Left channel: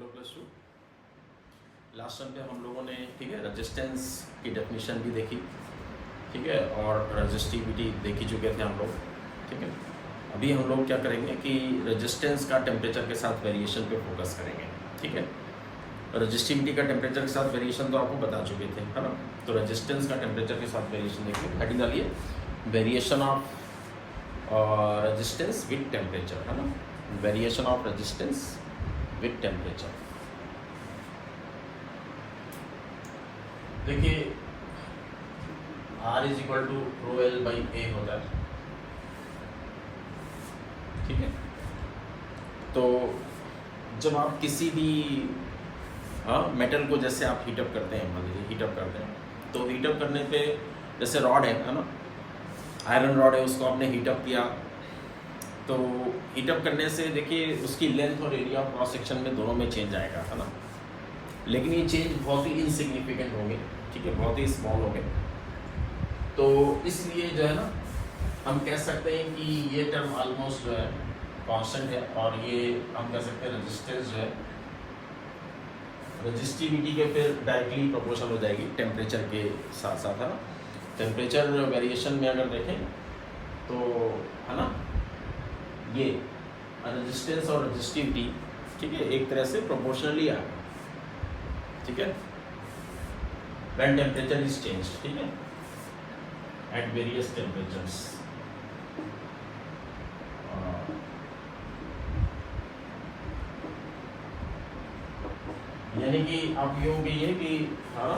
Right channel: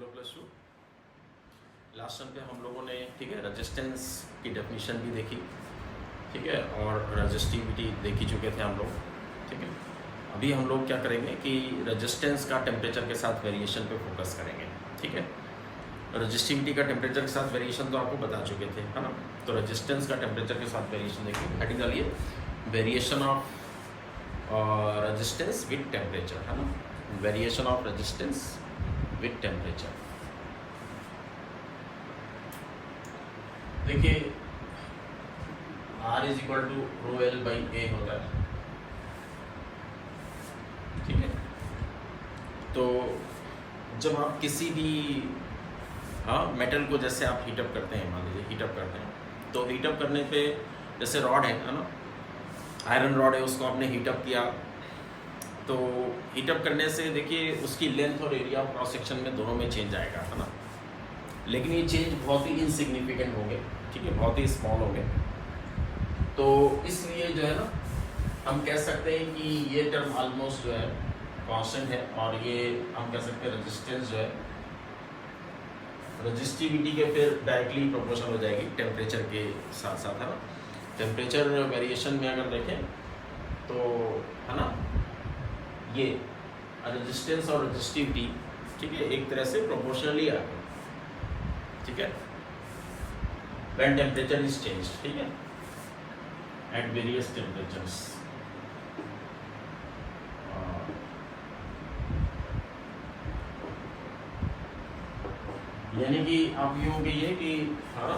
Hello plus two. Last time पे हम लोगों ने ठीक है रेजिस्टेंस की डेफिनेशन भी देखी, ठीक है, और रेजिस्टिविटी देख ही चुके थे हम लोग, ठीक है। अभी हम लोग क्या करेंगे कि रेजिस्टेंस का टेम्परेचर के साथ वेरिएशन पे फोकस करेंगे, ठीक है। रेजिस्टिविटी का टेम्परेचर के साथ वेरिएशन तो आपको बता चुके थे, है ना। तो रेजिस्टेंस का टेम्परेचर के साथ वेरिएशन देखिए, हेडिंग डालिए variation of resistance with temperature, है ना। Variation of resistance with temperature. देखिए R is equal to rho L by A होता है, ठीक है। तो जब आप किसी भी मेटल को जैसे आप हीटअप करते हैं, मान लीजिए हीटअप करते हैं, तो हीटअप करने पे जैसे रॉड है ना, आयरन रॉड है, उसको आपने हीटअप किया, तो हीटअप करने से देखिए उसकी लेंथ और एरिया ऑफ क्रॉस सेक्शन में दोनों में चेंज आएगा, है ना। लेकिन ये चेंज बहुत ही इनसिग्निफिकेंट होंगे, ठीक है, बहुत ही स्मॉल होंगे। तो इसलिए जो है ना हम कह सकते हैं कि ये टर्म ऑलमोस्ट जो है कांस्टेंट है, और ये हम कह सकते हैं रेजिस्टेंस जो है रेजिस्टिविटी के फिर डायरेक्टली प्रोपोर्शनल हो जाएगी टेम्परेचर के साथ साथ, है ना। टेम्परेचर वेरिएशन में अगर देखें तो है ना, ये रेजिस्टेंस और रेजिस्टिविटी, ठीक है, एक तरह से प्रोपोर्शनली आ गया, ठीक है, व्हेन टेम्परेचर इज चेंज, ठीक है, एट वेरियस टेम्परेचर्स। यानी कि आप यूं कहिए कि हाँ,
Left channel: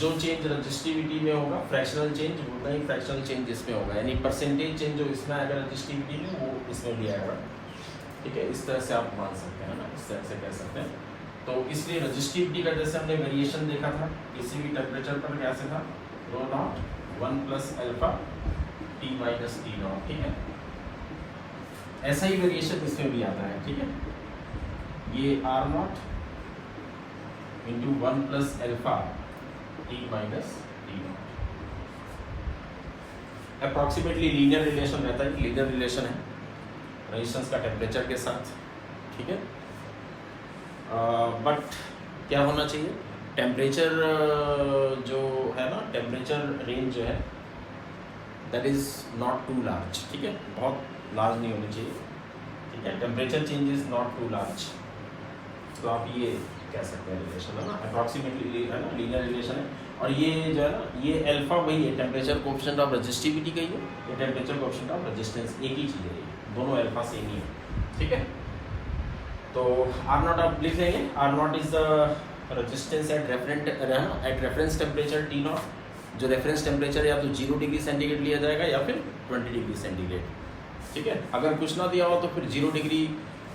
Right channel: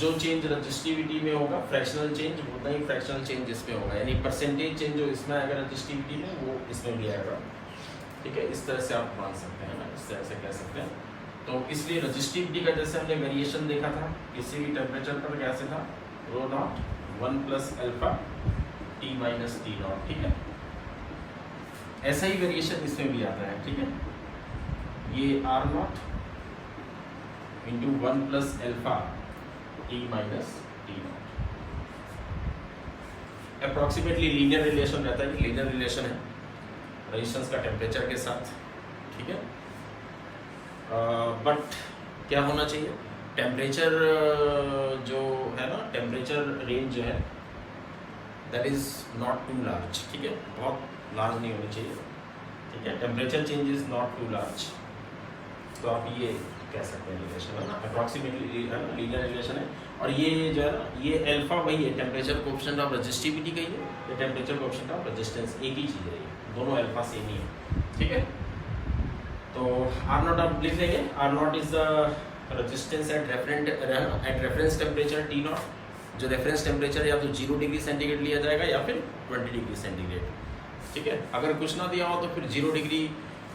जो चेंज रेजिस्टिविटी में होगा फ्रैक्शनल चेंज, उतना ही फ्रैक्शनल चेंज इसमें होगा, यानी परसेंटेज चेंज जो इसमें आएगा रेजिस्टिविटी में वो इसमें भी आएगा, ठीक है। इस तरह से आप मान सकते हैं ना, इस तरह से कह सकते हैं। तो इसलिए रेजिस्टिविटी का जैसे हमने वेरिएशन देखा था किसी भी टेम्परेचर पर, कैसे था, rho naught 1 plus alpha T minus T naught, ठीक है। ऐसा ही वेरिएशन इसमें भी आता है, ठीक है। ये R naught into 1 plus alpha T minus T naught. Approximately linear relation रहता है, लीनियर रिलेशन है रेजिस्टेंस का टेम्परेचर के साथ, ठीक है। बट क्या होना चाहिए, टेम्परेचर जो है ना, टेम्परेचर रेंज जो है that is not too large, ठीक है, बहुत लार्ज नहीं होनी चाहिए, ठीक है। Temperature change is not too large, तो आप ये कह सकते हैं रिलेशन, है ना, अप्रॉक्सीमेटली, है ना, लीनियर रिलेशन है। और ये जो है ना, ये अल्फा वही है, टेम्परेचर कोएफिशिएंट ऑफ रेजिस्टिविटी का ही है, ये टेम्परेचर कोएफिशिएंट ऑफ रेजिस्टेंस, एक ही चीज़ है, दोनों अल्फा सेम ही है, ठीक है। तो आर नॉट आप लिख लेंगे, R naught is the resistance at reference temperature T naught, जो रेफरेंस टेम्परेचर या तो 0 डिग्री सेंटीग्रेड लिया जाएगा या फिर 20 डिग्री सेंटीग्रेड, ठीक है। अगर कुछ ना दिया हो तो फिर 0 डिग्री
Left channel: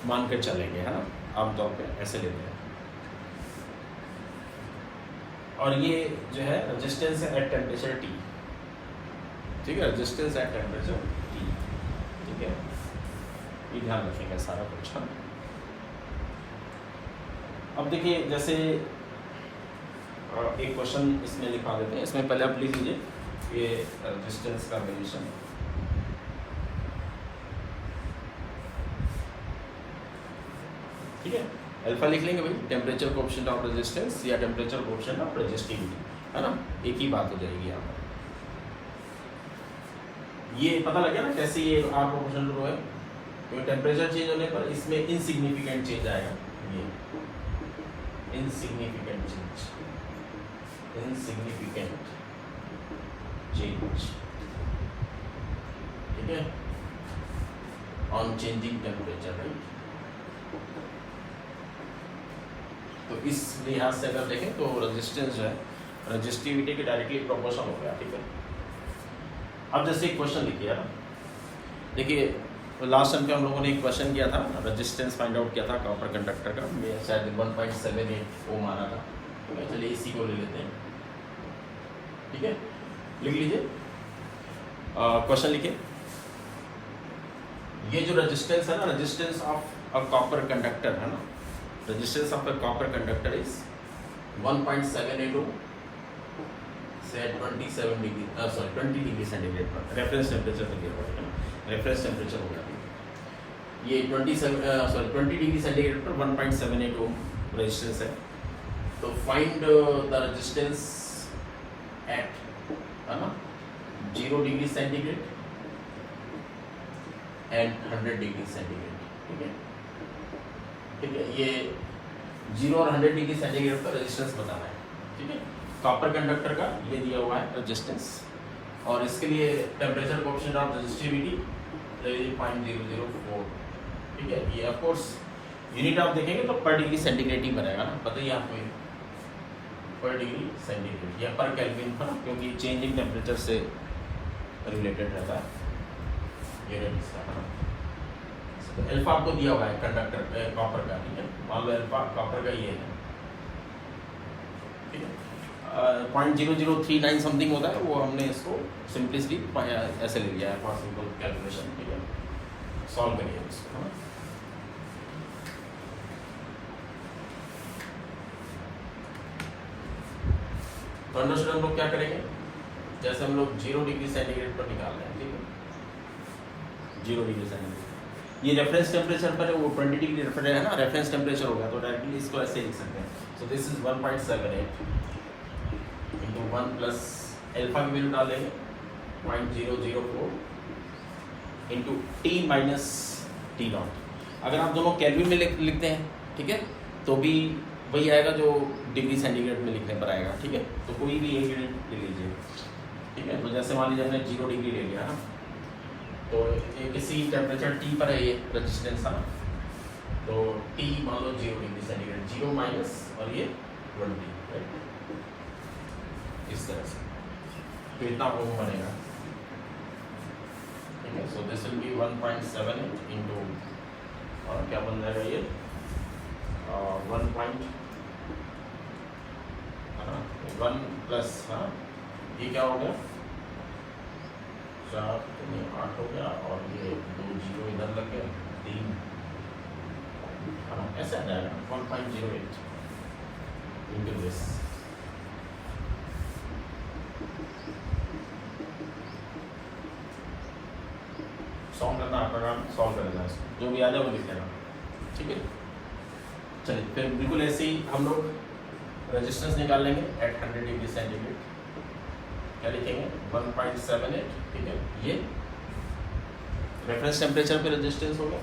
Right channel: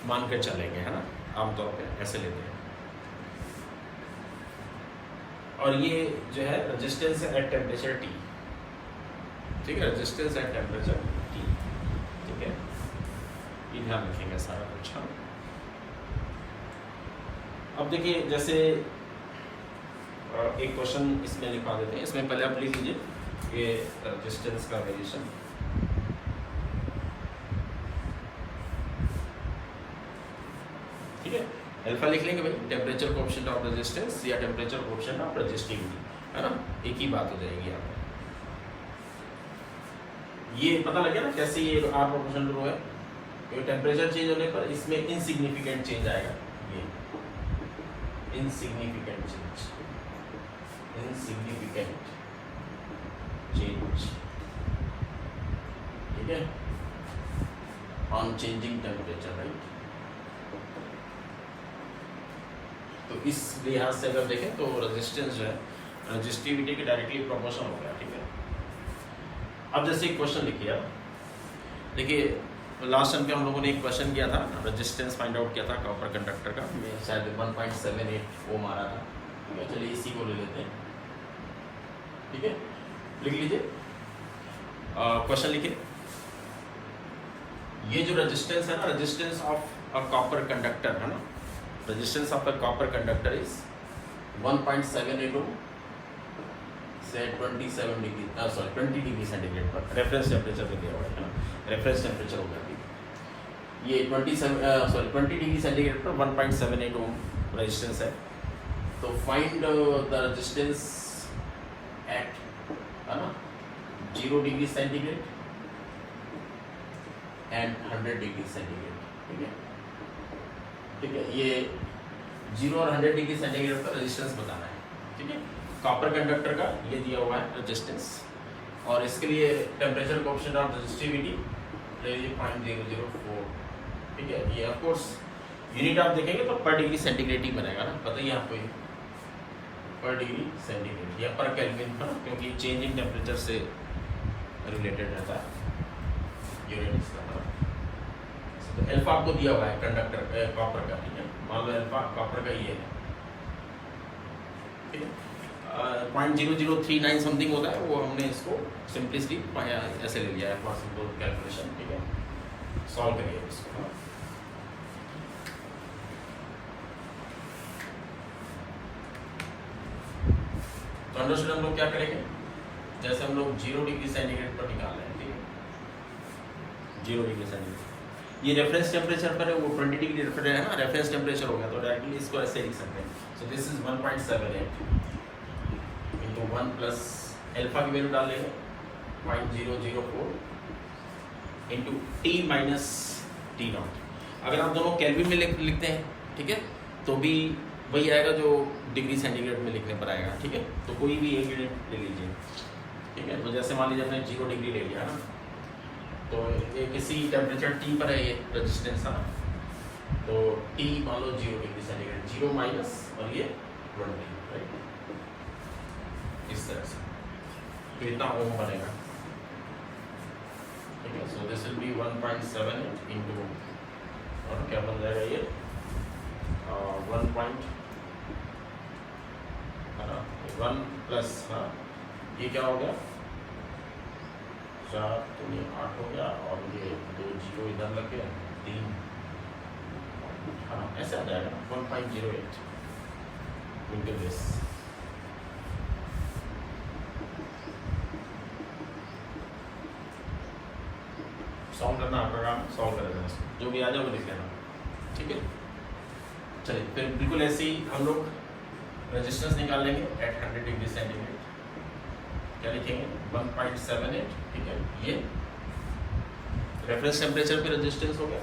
मानकर चलेंगे, है ना, आमतौर पे ऐसे लेते हैं। और ये जो है रेजिस्टेंस एट टेम्परेचर टी, ठीक है, रेजिस्टेंस एट टेम्परेचर टी, ठीक है, ये ध्यान रखेंगे सारा कुछ। हाँ, अब देखिए जैसे एक क्वेश्चन इसमें लिखा देते हैं, इसमें पहले आप लिख लीजिए ये रेजिस्टेंस का वेरिएशन, ठीक है। अल्फा लिख लेंगे भाई, टेम्परेचर कोएफिशिएंट ऑफ रेजिस्टेंस या टेम्परेचर कोएफिशिएंट ऑफ रेजिस्टिविटी, है ना, एक ही बात हो जाएगी यहाँ पर। ये पता लग गया ना कैसे ये आर प्रोपोर्शनल टू रो है, क्योंकि टेम्परेचर चेंज होने पर इसमें इनसिग्निफिकेंट चेंज आएगा, ये इनसिग्निफिकेंट चेंज, इनसिग्निफिकेंट चेंज, ठीक है, ऑन चेंजिंग टेम्परेचर, राइट। तो इस लिहाज से अगर देखें तो रेजिस्टेंस जो है रेजिस्टिविटी के डायरेक्टली प्रोपोर्शनल हो गया, ठीक है। अब जैसे एक क्वेश्चन लिखिए ना, देखिए लास्ट टाइम पे हम लोगों ने एक क्वेश्चन किया था, रेजिस्टेंस फाइंड आउट किया था कॉपर कंडक्टर का, शायद 1.78 ओम आ रहा था, ठीक है। चलिए इसी को ले लेते हैं, ठीक है, लिख लीजिए क्वेश्चन लिखिए। ये जो रेजिस्टेंस है ना, resistance of a copper conductor, है ना, resistance of a copper conductor is 1.78 ohm, say 27 degree, sorry 20 degree centigrade पर रेफरेंस टेम्परेचर से दिया हुआ है, रेफरेंस टेम्परेचर हो गया। ये 20 डिग्री सेंटीग्रेड पर 1.78 ओम रेजिस्टेंस है। तो फाइंड द रेजिस्टेंस एट, है ना, 0 degree centigrade and 100 degree centigrade. ठीक है, ठीक है, ये 0 और 100 डिग्री सेंटीग्रेड का रेजिस्टेंस बताना है। ठीक है, कॉपर कंडक्टर का ये दिया हुआ है रेजिस्टेंस, और इसके लिए टेम्परेचर कोएफिशिएंट ऑफ रेजिस्टिविटी 0.004। ठीक है, ये ऑफ कोर्स यूनिट आप देखेंगे तो पर डिग्री सेंटीग्रेड ही बनेगा ना, बताइए आपको ये पर डिग्री सेंटीग्रेड या पर केल्विन पर, क्योंकि चेंजिंग टेम्परेचर से रिलेटेड रहता है यूनिट इसका। तो अल्फा आपको दिया हुआ है कंडक्टर कॉपर का, ठीक है, मान लो अल्फा कॉपर का ये है, ठीक है, 0.0039 समथिंग होता है, वो हमने इसको सिंपली ऐसे ले लिया है फॉर सिंपल कैलकुलेशन। ठीक है, सॉल्व करिए इसको, है ना। तो अंडरस्टूड हम लोग क्या करेंगे, जैसे हम लोग 0 डिग्री सेंटीग्रेड पर निकाल रहे हैं, ठीक है, 0 डिग्री सेंटीग्रेड, ये रेफरेंस टेम्परेचर पर है, वो 20 डिग्री रेफरेंस है ना, रेफरेंस टेम्परेचर होगा, तो डायरेक्टली इसको ऐसे लिख सकते हैं। So this is 1.78 into 1 plus alpha की वैल्यू डाल लेंगे 0.004 into T minus T not. अगर आप दोनों केल्विन में लिखते हैं, ठीक है, तो भी वही आएगा जो डिग्री सेंटीग्रेड में लिखने पर आएगा। ठीक है, तो कोई भी एक यूनिट ले लीजिए। ठीक है, तो जैसे मान लीजिए हमने 0 डिग्री ले लिया ना, तो ये किसी टेम्परेचर टी पर है ये रेजिस्टेंस है ना, तो टी मान लो 0 डिग्री सेंटीग्रेड, 0 माइनस और ये 20, राइट, इस तरह से, तो इतना ओम बनेगा। ठीक है, so this will be 1.78 into, और क्या बन जाएगा ये 1 प्लस, हाँ, ये क्या हो गया 4 तो 8 हो गया, और ये 2 0 इधर लग गया 3, हाँ, ऐसे आ जाएगा 1.08 इंटू दिस। सॉल्व करना आपका काम, सॉल्व कर देना, जो भी आ जाए वो लिख लेना। ठीक है, चलिए फिर बिल्कुल ऐसे ही हम लोग रेजिस्टेंस निकाल लेंगे एट 100 डिग्री सेंटीग्रेड। क्या लिखेंगे 1.78, ठीक है, ये रेफरेंस टेम्परेचर पे रेजिस्टेंस हो गया,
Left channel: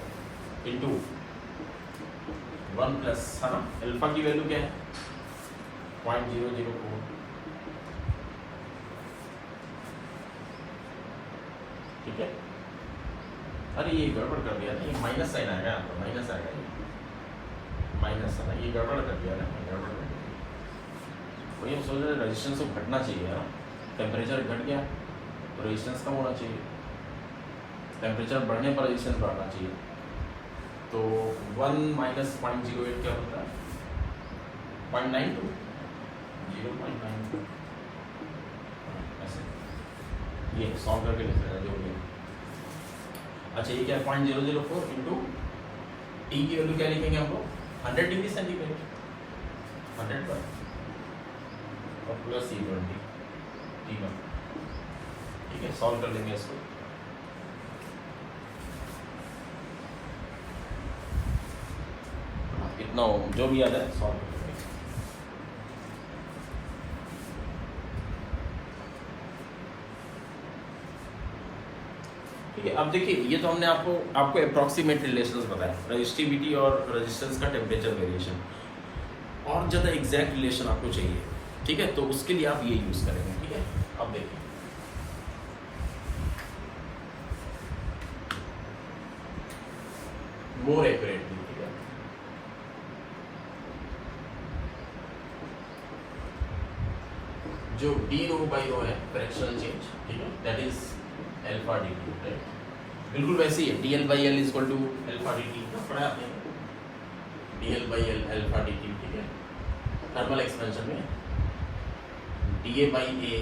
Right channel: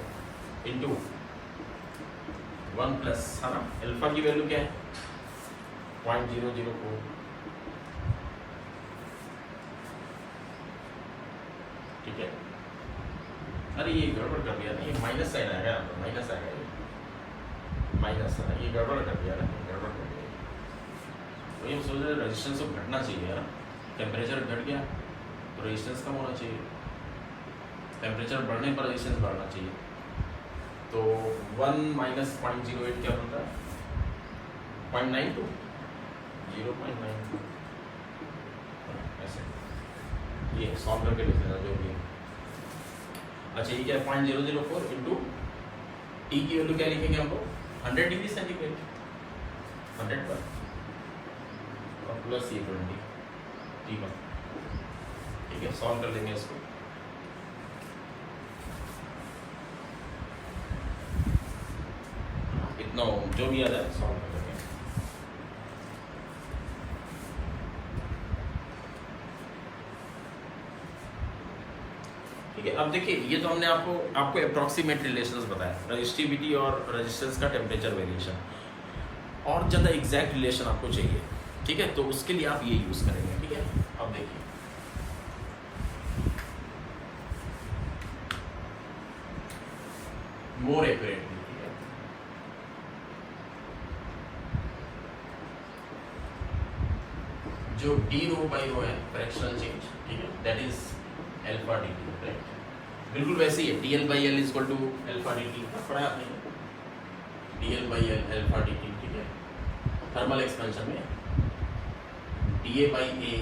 इंटू 1 प्लस, है ना, अल्फा की वैल्यू क्या है 0.004। ठीक है, अरे ये गड़बड़ कर दिया ना, ये माइनस साइन आएगा, माइनस आएगा, माइनस है ना, ये गड़बड़ कर दिया ना, गड़बड़ कर दिया। वही हम सोच रहे रेजिस्टेंस तो घटना चाहिए ना, टेम्परेचर घट गया तो रेजिस्टेंस कम होना चाहिए, टेम्परेचर बढ़ने पर रेजिस्टेंस बढ़ना चाहिए। तो 1 माइनस 0.08 क्या होता है 0.92, 0.92, ऐसे ये सॉल्व करके लिख लेना जो भी है। अच्छा, ये क्या है 0.004 इंटू टी की वैल्यू क्या लिखेंगे हम लोग 100 डिग्री सेंटीग्रेड, 100 पर, और प्लस ये 20 टी पर। ठीक है, सॉल्व कर लेंगे इसको। इतना जो भी आ जाए सॉल्व कर लेंगे। ठीक है, अब देखिए ये तो हमने आपको अप्रॉक्सीमेट रिलेशंस बताया, रेजिस्टिविटी और रेजिस्टेंस का टेम्परेचर वेरिएशन। और ज़्यादा एग्जैक्ट रिलेशन आपको चाहिए, ठीक है, तो उसके लिए आप ये यूज़ करेंगे। ठीक है, अब देखिए मोर एक्यूरेटली, ठीक है, जो डी रो बाई रो है फ्रैक्शनल चेंज, ठीक है, that is alpha d T, right, बिल्कुल वैसे ही है, d L by L is equal to alpha d T, पढ़ा आपने, d L by L alpha d T, ठीक है, थर्मल एक्सपेंशन में d A by A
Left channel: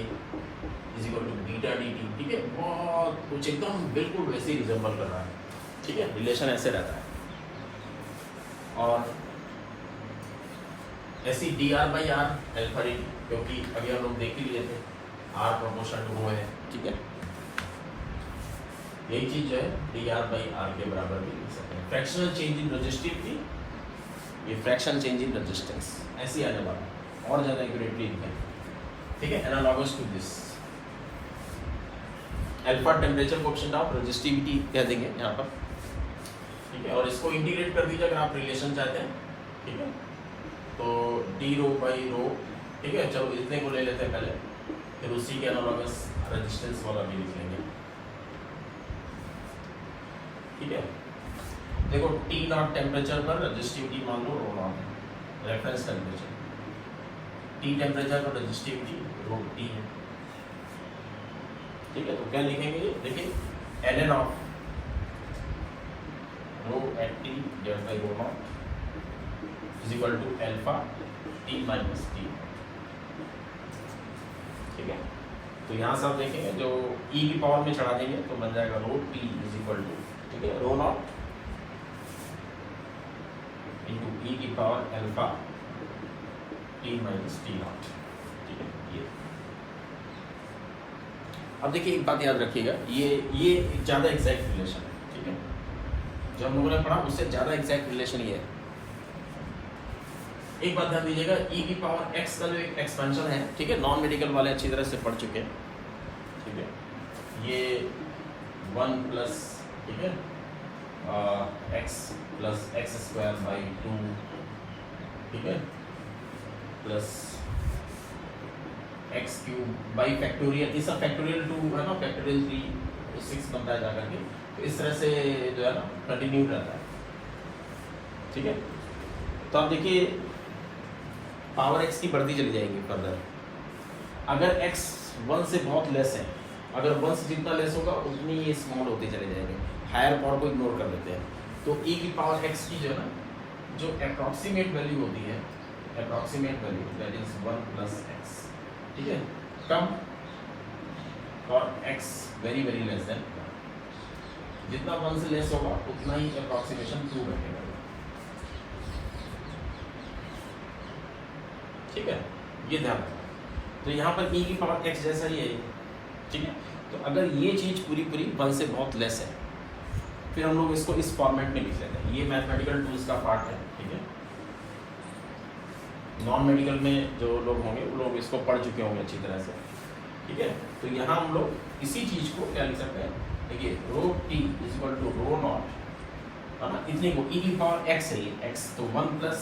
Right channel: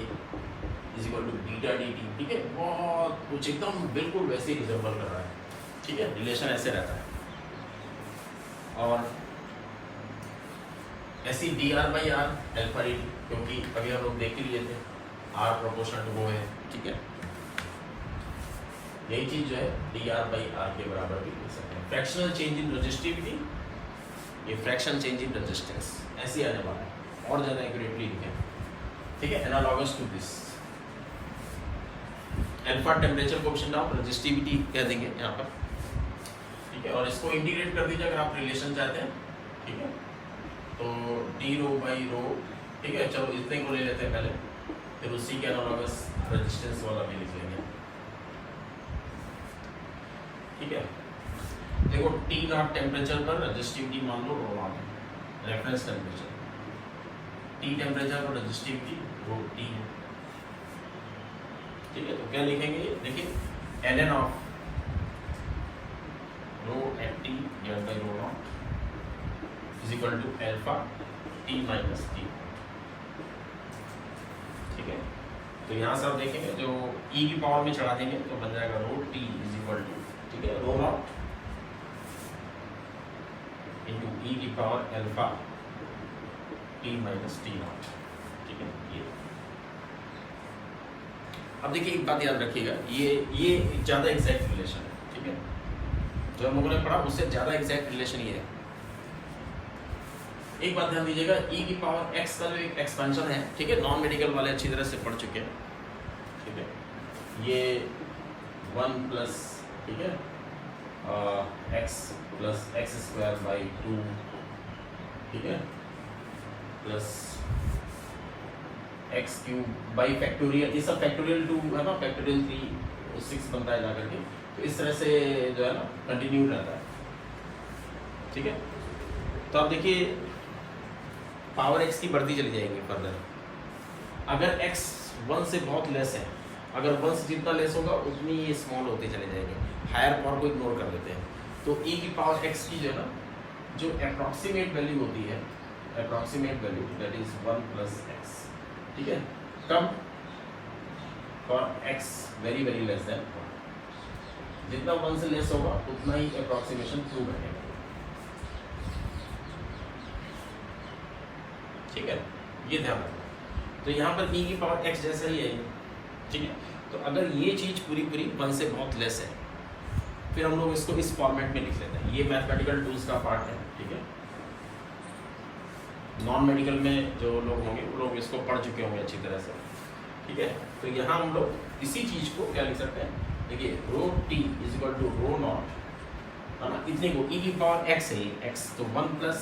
is equal to beta d T, ठीक है, बहुत कुछ एकदम बिल्कुल वैसे ही रिजेंबल कर रहा है। ठीक है, रिलेशन ऐसे रहता है। और ऐसी d R by R alpha d, क्योंकि अभी हम लोग देख ही लिए थे आर प्रोपोर्शनल टू रो है। ठीक है, यही चीज जो है dr/r के बराबर भी लिख सकते हैं। फ्रैक्शनल चेंज इन रेजिस्टिविटी, ये फ्रैक्शन चेंज इन रेजिस्टेंस ऐसे आने वाला है, और ज्यादा एक्यूरेटली लिखें, ठीक है। Analogous to this alpha temperature coefficient of resistivity कह देंगे यहाँ पर, ठीक है। और इसको इंटीग्रेट कर दीजिए अगर आप रिलेशन चाहते हैं, ठीक है। तो डी रो बाई रो, ठीक है। चलो इतने को ले लेते हैं पहले, फिर उसी के एनालॉगस रेजिस्टेंस वाला भी लिख लेंगे, ठीक है। देखो टी नॉट टेम्परेचर पर रेजिस्टिविटी मान लो रो नॉट है, रेफरेंस टेम्परेचर। टी टेम्परेचर पर रेजिस्टिविटी रो टी है, ठीक है। तो क्या लिखेंगे, देखिए ln of rho at T divide by rho naught is equal to alpha T minus T, ठीक है। तो यहाँ से आप देखेंगे जो e की पावर में चढ़ा देंगे तो बन जाएगा rho T is equal to, ठीक है, रो नॉट इंटू e की power alpha T minus T naught, ठीक है। ये अब देखिए एक बात याद रखिएगा, ये ज्यादा एग्जैक्ट रिलेशन है, ठीक है। जो हम लोगों ने पढ़ा उससे ज्यादा एग्जैक्ट रिलेशन ये है। एक बात ध्यान दीजिएगा, e की पावर x का जो एक एक्सपेंशन है, ठीक है, नॉन मेडिकल वाले अच्छी तरह से पढ़ चुके हैं, ठीक है। ये 1 प्लस, ठीक है, x plus x square by 2, ठीक है, plus x cube by factorial, ये सब फैक्टोरियल 2 है ना, फैक्टोरियल 3 6 बनता है जाकर के। तो इस तरह से जो है ना कंटिन्यू रहता है, ठीक है। तो आप देखिए पावर x की बढ़ती चली जाएगी फर्दर। अगर x 1 से बहुत लेस है, अगर 1 से जितना लेस होगा उतनी ये स्मॉल होते चले जाएंगे, हायर पावर को इग्नोर कर देते हैं। तो e की पावर x की जो है ना, जो अप्रॉक्सीमेट वैल्यू होती है, approximate value that is 1 plus x, ठीक है, come for x very very less than, जितना 1 से लेस होगा उतना ही अप्रॉक्सीमेशन ट्रू रखेगा, ठीक है। ये ध्यान रखना। तो यहाँ पर e की पावर x जैसा ही है, ठीक है। तो अगर ये चीज पूरी 1 से बहुत लेस है, फिर हम लोग इसको इस फॉर्मेट में लिख लेते हैं। ये मैथमेटिकल टूल्स का पार्ट है, ठीक है। नॉन मेडिकल में जो लोग होंगे वो लोग इसको पढ़ चुके होंगे अच्छी तरह से, ठीक है। तो यहाँ हम लोग इसी चीज को क्या लिख सकते हैं, देखिए rho T is equal to rho naught, है ना, इतने को e की पावर x है, x तो 1 plus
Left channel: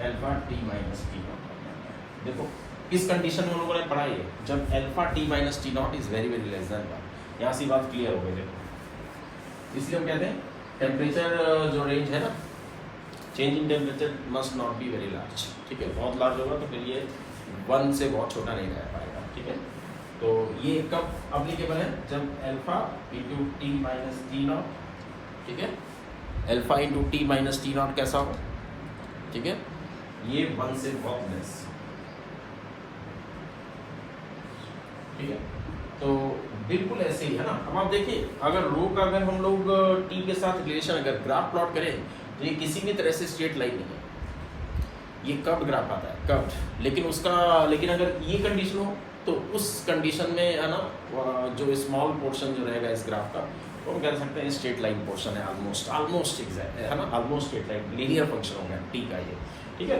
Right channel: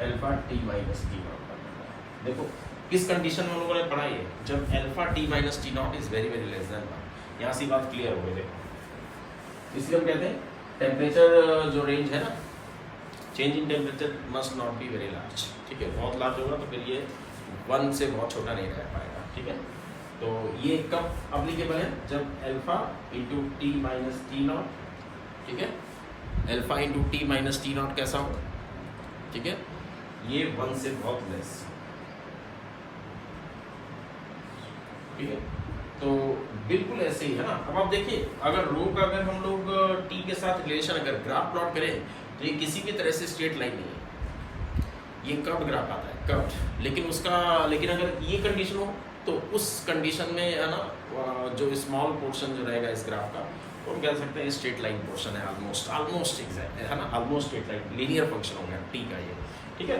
alpha T minus T not. देखो किस कंडीशन में हम लोगों ने पढ़ा है, जब alpha T minus T not is very very less than 1। यहाँ से बात क्लियर हो गई। देखो इसलिए हम कहते हैं टेम्परेचर जो रेंज है ना, change in temperature must not be very large, ठीक है। बहुत लार्ज होगा तो फिर ये 1 से बहुत छोटा नहीं रह पाएगा, ठीक है। तो ये कब अप्लीकेबल है, जब alpha into T minus T naught, ठीक है, alpha into T minus T not कैसा हो, ठीक है, ये 1 से बहुत लेस, ठीक है। तो बिल्कुल ऐसे ही है ना। अब आप देखिए अगर रो का अगर हम लोग टी के साथ रिलेशन अगर ग्राफ प्लॉट करें तो ये किसी भी तरह से स्ट्रेट लाइन नहीं है, ये कर्व ग्राफ आता है, कर्व। लेकिन अगर ये कंडीशन हो तो उस कंडीशन में है ना, जो स्मॉल पोर्शन जो रहेगा इस ग्राफ का, तो हम कह सकते हैं स्ट्रेट लाइन पोर्शन है, ऑलमोस्ट एग्जैक्ट है ना, almost straight line linear function हो गया टी का ये, ठीक है।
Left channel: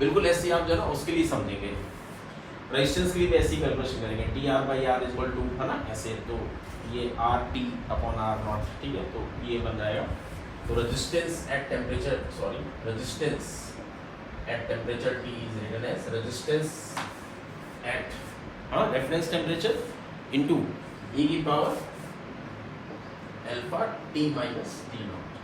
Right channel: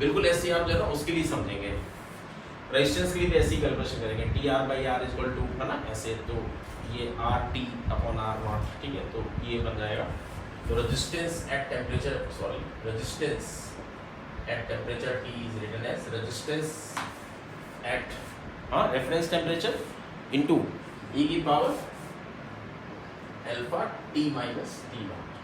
बिल्कुल ऐसे ही आप जो है ना उसके लिए समझेंगे, रेजिस्टेंस के लिए भी ऐसी कैलकुलेशन करेंगे, T R by R equal to, है ना, ऐसे। तो ये R T upon R naught, ठीक है, तो ये बन जाएगा। तो resistance at temperature T is written as resistance at reference temperature into e की power alpha T minus T not.